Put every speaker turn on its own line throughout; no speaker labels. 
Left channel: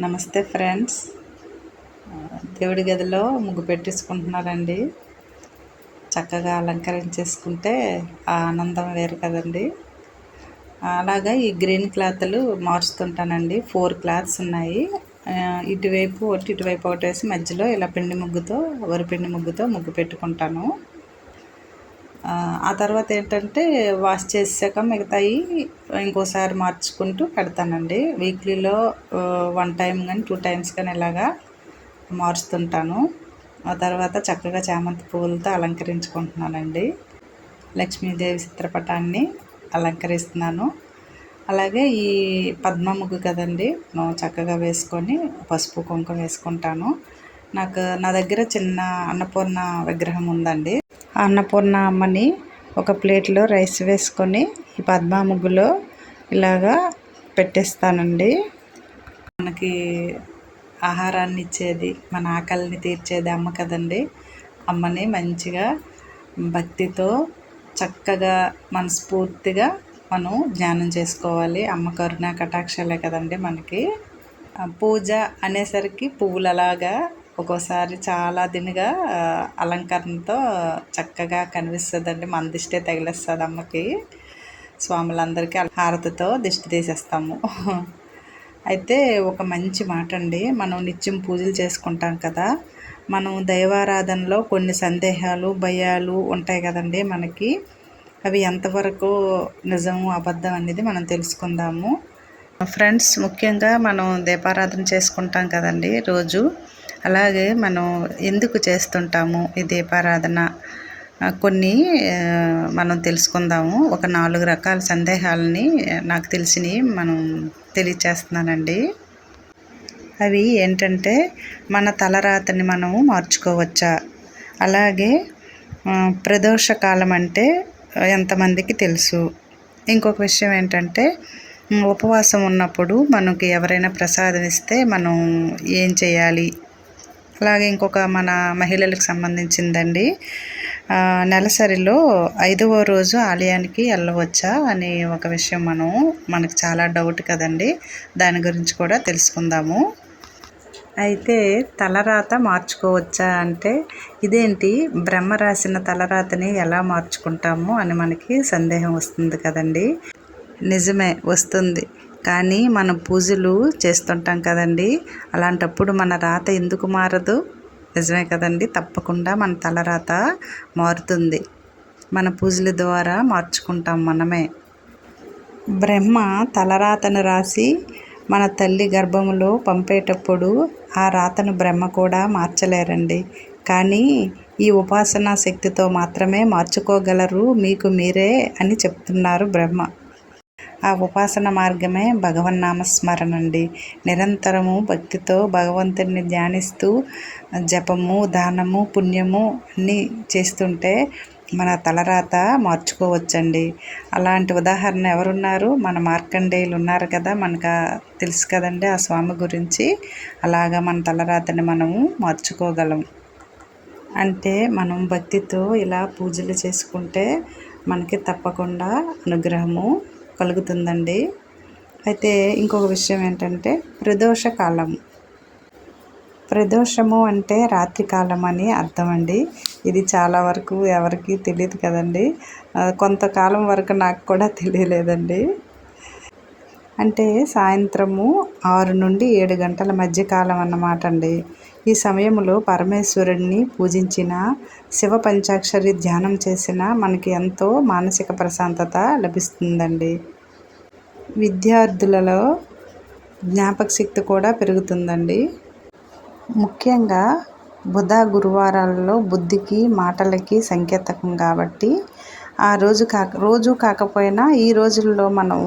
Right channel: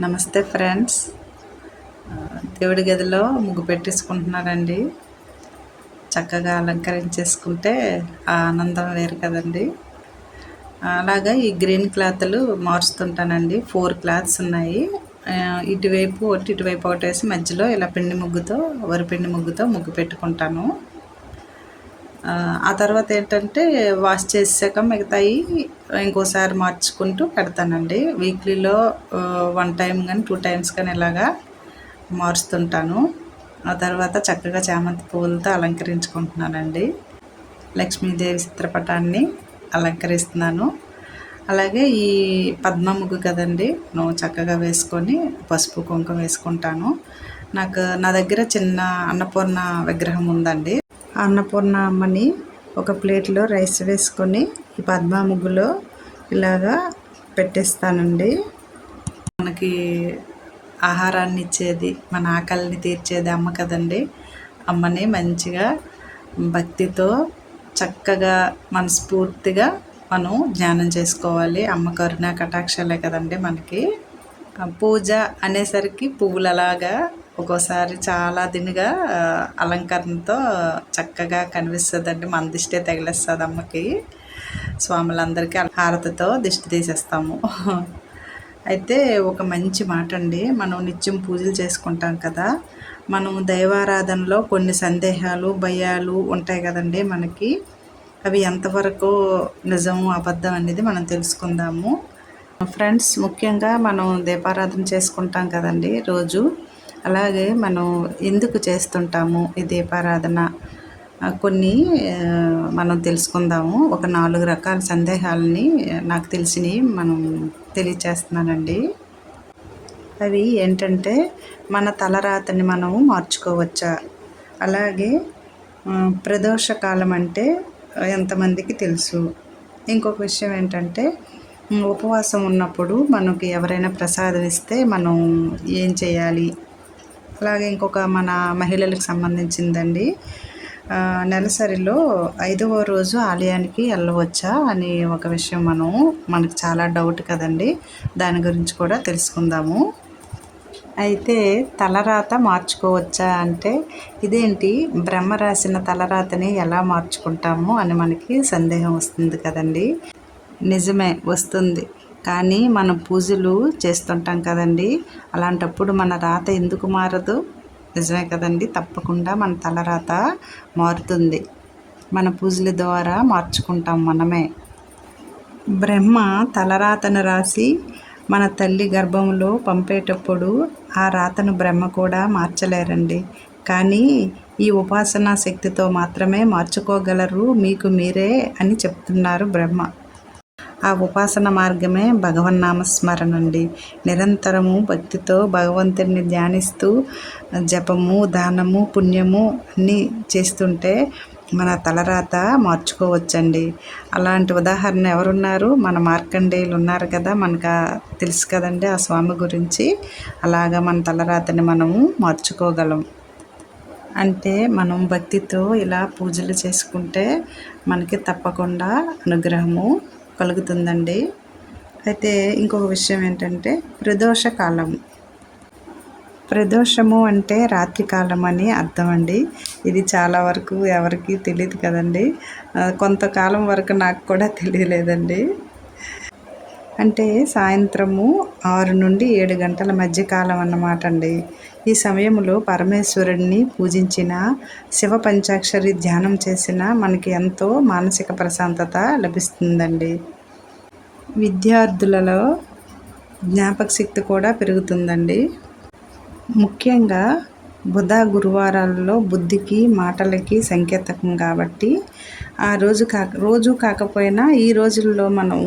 నమస్తే ఫ్రెండ్స్. దేవుడి గదిలో ముగ్గు పెట్టేసుకుంటున్నారండి. చక్కగా అలంకరించేసుకుంటే ఆ ఆనందం వేరు కదండి. అలాగా ఈ గ్రీన్ క్లాత్లు మార్చుతుంటానండి. ఫోర్ క్లాత్స్ ఉన్నాయి. ఇటువైపు ఒకటి ఇటువైపు ఒకటి వేసి మధ్యలో ఇలా పిండి ముగ్గుతో వరి పిండి ముగ్గుతో ముగ్గు పెట్టుకుంటాను. ఆ, తర్వాత ఏంటంటే వాష్ చేసాక మిగతాయి ఇంకోసారి మార్చుకుంటూ పెడతానండి. వీక్లీలో వన్ టైం కానీ టూ టైమ్స్ కానీ ఇలాగా మారుస్తుంటాను. ఆ తర్వాత చక్కగా చామంతి పువ్వులతో అలంకరించుకుంటున్నానండి. లక్ష్మీదేవి చిత్రపటాన్ని అలంకరిస్తున్నాను. అలాగే ఈ పద్మముగ్గు కదండి నువ్వు చక్కగా వేసుకొని పసుపు కుంకుమ వేసుకుంటాను. నాకు నా దగ్గర చిన్న అన్నపూర్ణ విగ్రహం ఉందండి. అన్నపూర్ణ అమ్మని ఒక ప్లేట్లో రైస్ వేసుకొని ఈ పద్మ ముగ్గులో ఇలాగా పెట్టేస్తానండి. మనకి ఆహారాన్ని ఇచ్చేది మన ఆకలిని తీర్చేది అమ్మ కదండి. అమ్మని మంచిగా భక్తితో చక్కగా మనస్ఫూర్తిగా మనం ధ్యానం చేసుకోవాలి. అమ్మ కరుణ కటాక్షలే కదండి మనకి. పూజ అనేసరికి పువ్వులలాగా ఒక్కోసారి చాలా దినగా అలంకరణతో చక్కగా కనిపిస్తుందండి. మన దిష్టే తగిలేస్తుంది అమ్మకి. స్వాములందరికీ హారతితో దిష్టి తీసేస్తాము. అయితే ఒక మంచి మాట అండి మనం నిత్యం పూజలు చేసుకుంటాం కదా మనం దైవారాధనలో కొన్ని సందేహాలు భయాలు ఉంటాయి కదండి మనకి. అవి ఎంతవరకు నిజము అబద్ధం అనేది మనం తెలుసుకుందాము. ఫ్రెండ్స్ ముఖ్యంగా మనం దీపారాధన చేసుకుంటాం కదండి రోజు. అలాగే మనం ఎందుకు చేస్తుంటాము ఈ దీపారాధన? కొన్ని మనం తెలుసుకుందాము. ఒక నాలుగు రకాల సందేహాలని నాకు తెలిసినవి మనం తెలియచేస్తున్నానండి. అవి ఏంటంటే మన తలరాతని మనము మార్చుకోవచ్చా? అలాగే ప్రదోషకాలం ప్రదోష కాలం అంటే ఎంతమందికి తెలుసు? ఇంకొక విషయం ఏంటంటే ఉపవాసం ఉన్నప్పుడు మనకి ఎవరైనా ప్రసాదం ఇస్తే మనం ఏం చేయాలి? అలాగే ఇంకొక మన మహిళలకు సంబంధించిందండి. నెలసరిలో ఐదవ రోజు ఆలయానికి వెళ్ళవచ్చా అనే ఒక విషయం మనం మనకు చాలా డౌట్ కదండి. దాని గురించి కూడా తెలుసుకుందాము. అయితే తలరాత మార్చుకోవచ్చా అంటే ఇదేంటి? బ్రహ్మ రాసిన తలరాతని ఎలా మార్చుకుంటాము అని మనకి సందేహం వస్తుంది కదండి. నిజమే వస్తుంది. కానీ మనం పూజలు చేస్తుంటాం కదండి. అలాంటప్పుడు మన రాత ఎందుకు మారదు? నిజమే కదండి. తప్పకుండా మన తలరాత మారుతుంది. మన పూజల ద్వారా మార్చుకుంటాం మనమే. బ్రహ్మ తలరాతను రాసి మన తల్లి గర్భంలో పంపేటప్పుడు ఆ రాతను బ్రహ్మ కూడా మార్చలేరండి. కానీ ఈ ఉపాసనా శక్తితో మాత్రమే మార్చుకోగలరు మీకు మీరే అని చెప్తున్నారు బ్రహ్మ. ఆ ఉపాసన మార్గమే భగవన్నామస్మరణ అండి నిరంతరము భక్తితో భగవంతుడిని ధ్యానిస్తూ జపము దానము పుణ్యము అన్నీ చేస్తుంటే మన తలరాత మార్చుకోవచ్చండి. అలాంటి ఉదాహరణ ఎవరున్నారు? మన మార్కండేయులు ఉన్నారు కదా మనకు తెలుసు కదండి ఆ స్వామి గురించి. అలాగా మన తలరాతని మనము మార్చుకోగలం. అంటే మనం భక్తితో ఇలా పూజలు చేసుకుంటే మనకి తప్పకుండా అనుగ్రహము కలుగుతుందండి అయితే ఇంకొక విషయం ఏంటంటే ప్రదోష కాలం ప్రదోషము అంటే రాత్రికాలం అని అర్థం అండి ఇది చాలా వరకు ఎవరికి తెలియదు కదండి. కొంతకాలం వరకు నాకు కూడా తెలియలేదండి. అంటే సాయంత్రము ఆరు నుండి ఏడు గంటల మధ్య కాలం అన్నమాట అండి. ఈ సమయంలో పరమేశ్వరుడిని పూజించిన శివ పంచాక్షరి ధ్యానం చేసిన మనకి ఎంతో మానసిక ప్రశాంతత లభిస్తుందండి. విద్యార్థులలో జ్ఞాపక శక్తి కూడా పెరుగుతుందండి. ముఖ్యంగా బుధ గురువారాలలో బుద్ధికి మాటలకి సంకేతకం కాబట్టి ఆ రోజు కాక రోజు కాకపోయినా ఈ రోజుల్లో మనం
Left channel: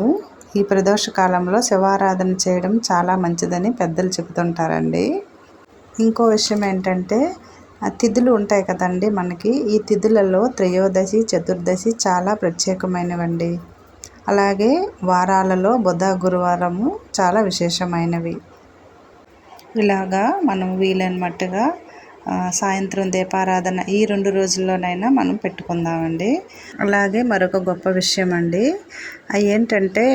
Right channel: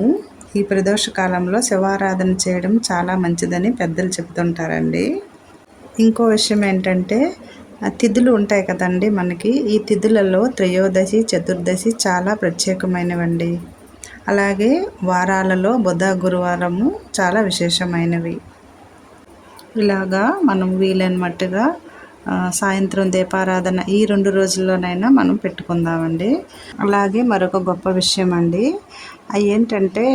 ఈ ప్రదోష కాలంలో శివారాధన చేయడం చాలా మంచిదని పెద్దలు చెబుతుంటారండి. ఇంకో విషయం ఏంటంటే తిథులు ఉంటాయి కదండి మనకి. ఈ తిథులలో త్రయోదశి చతుర్దశి చాలా ప్రత్యేకమైనవండి. అలాగే వారాలలో బుధ గురువారము చాలా విశేషమైనవి. ఇలాగా మనం వీలైన మట్టుగా సాయంత్రం దీపారాధన ఈ రెండు రోజుల్లోనైనా మనం పెట్టుకుందామండి. అలాగే మరొక గొప్ప విషయం అండి అవి ఏంటంటే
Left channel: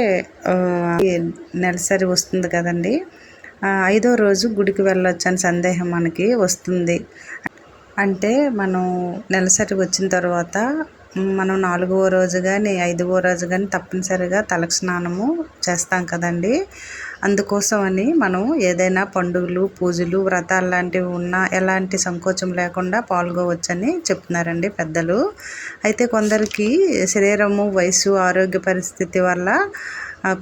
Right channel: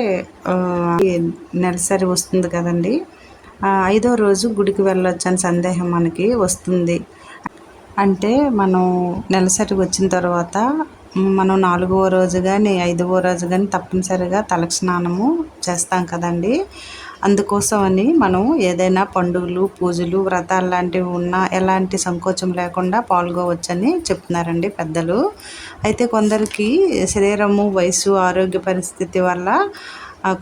నెలసరి వస్తుంది కదండి. ఐదో రోజు గుడికి వెళ్ళొచ్చని సందేహం మనకి వస్తుంది. అంటే మనం నెలసరికి వచ్చిన తర్వాత మనం నాలుగవ రోజు కానీ ఐదవ రోజు కానీ తప్పనిసరిగా తలకు స్నానము చేస్తాం కదండి. అందుకోసమని మనం ఏదైనా పండుగలు పూజలు వ్రతాలు లాంటివి ఉన్నా ఎలాంటి సంకోచం లేకుండా పాల్గొవచ్చని చెప్తున్నారండి పెద్దలు. అయితే కొందరికి శరీరము వయసు ఆరోగ్య పరిస్థితి వల్ల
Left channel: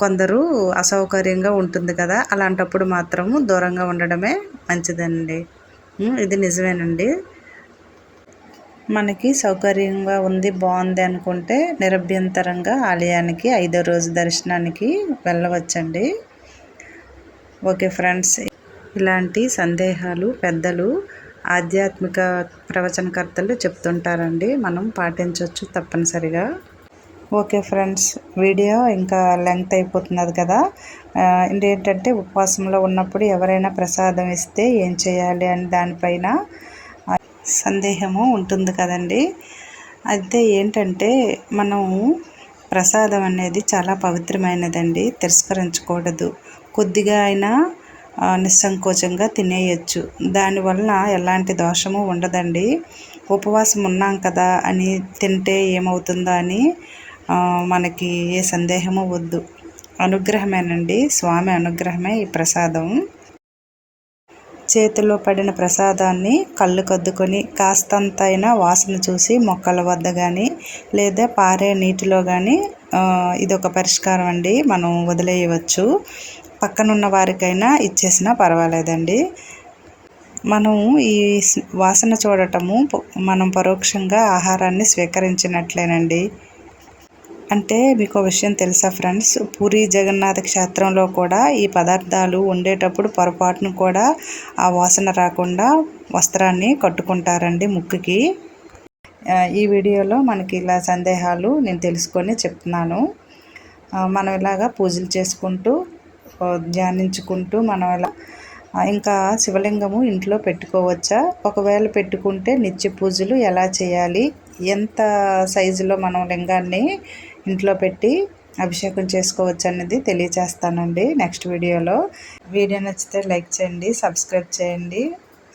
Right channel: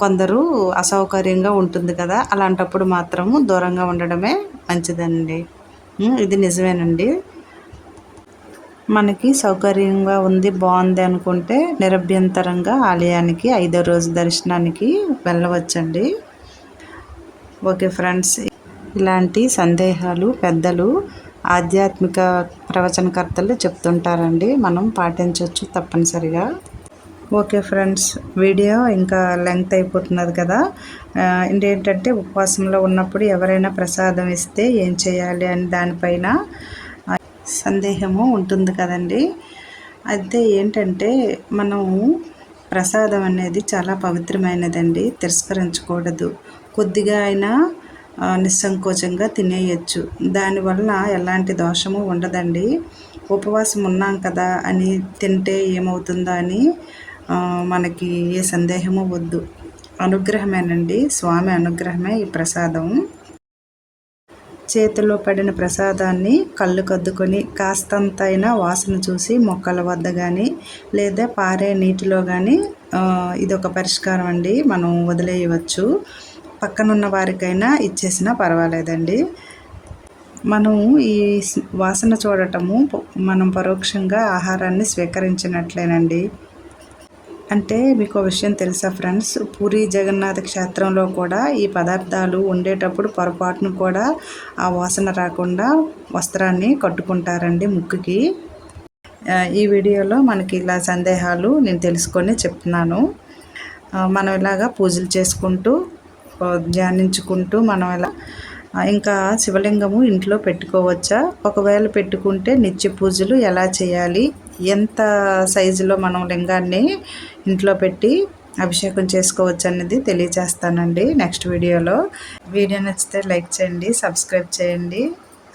కొందరు అసౌకర్యంగా ఉంటుంది కదా అలాంటప్పుడు మాత్రము దూరంగా ఉండడమే మంచిదండి. ఇది నిజమేనండి. మనకి సౌకర్యంగా ఉంది బాగుంది అనుకుంటే నిరభ్యంతరంగా ఆలయానికి ఐదో రోజు దర్శనానికి వెళ్ళవచ్చండి. ఓకే ఫ్రెండ్స్ ఇలాంటి సందేహాలు పెద్దలు ఆధ్యాత్మిక ప్రవచనకర్తలు చెప్తుంటారండి. మనం పాటించవచ్చు తప్పనిసరిగా. ఓకే ఫ్రెండ్స్ వీడియో ఇంకా లెంగ్త్ అయిపోతున్నది కదా. ఏంటంటే ఉపవాసంలో ఉన్నప్పుడు ఎవరైనా ప్రసాదం ఇస్తే ఏం చేయాలి అని దానిపైన సందేహము ఉంటుంది కదండి. అయితే ఏంటంటే మనం ప్రసాదం అనేది చాలా పవిత్రమైనదండి తిరస్కరించకూడదు. కొద్దిగా అయినా నిస్సంకోచంగా తినేయచ్చు. దానివల్ల ఎలాంటి దోషము ఉండదండి. ఉపవాసం ఉన్నాం కదా అని తింటే ఏమవుతుందో అని మనకి ఏ సందేహము వద్దు. అనుగ్రహమేనండి. స్వామి అనుగ్రహమే ఈ ప్రసాదం. చేతిలో పడిన ప్రసాదాన్ని కళ్ళు కద్దుకొని కాస్తంతైనా వాసన చూసి మొక్కల వద్ద కానీ లేదా పారే నీటిలో కానీ ఇదొక పరిష్కారం అండి. మనం వదిలేయవచ్చు. పక్కనున్న వారికైనా ఇచ్చేసినా పర్వాలేదండి. మనం ఈ వాసన చూడటము మనం పరోక్షంగా ఆహారాన్ని స్వీకరించినట్లేనండి. అంటే మీకు విషయం తెలుసా ఫ్రెండ్స్? పూరి జగన్నాథ క్షేత్రంలో కూడా ఈ పదార్థాలు ఉండేటప్పుడు పొరపాటును కూడా ఆ వాసన రాకుండా వస్త్రాన్ని కట్టుకుంటారండి ముక్కుకి. ఈ వీడియోలో మనకి ఇలా సందేహాలు నేను తెలుసుకొని చెప్తున్నాను. మనం ఇలాగా పూజలు చేసుకుంటూ ధ్యానించుకుంటూ మనం ఇలా ఇంకా శివలింగము ఇంట్లో పెట్టుకోవచ్చా? ఒకవేళ పెట్టుకుంటే నిత్య పూజలు ఎలా చేయాలి? ఎంత సైజులో మనం లింగాన్ని ఇంట్లో పెట్టి అభిషేకం చేసుకోవచ్చు అనేది తెలియచేస్తానండి నెక్స్ట్ వీడియోలో. వీడియో నచ్చితే లైక్ చేయండి సబ్స్క్రైబ్ చేయండి.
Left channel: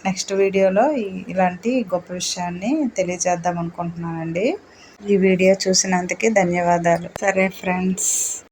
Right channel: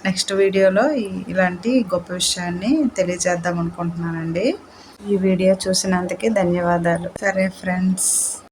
నెక్స్ట్ వీడియోలో ఇలాంటి గొప్ప విషయాన్ని తెలియజేద్దాం అనుకుంటున్నానండి ఈ వీడియో చూసినందుకే ధన్యవాదాలు. సరే ఫ్రెండ్స్.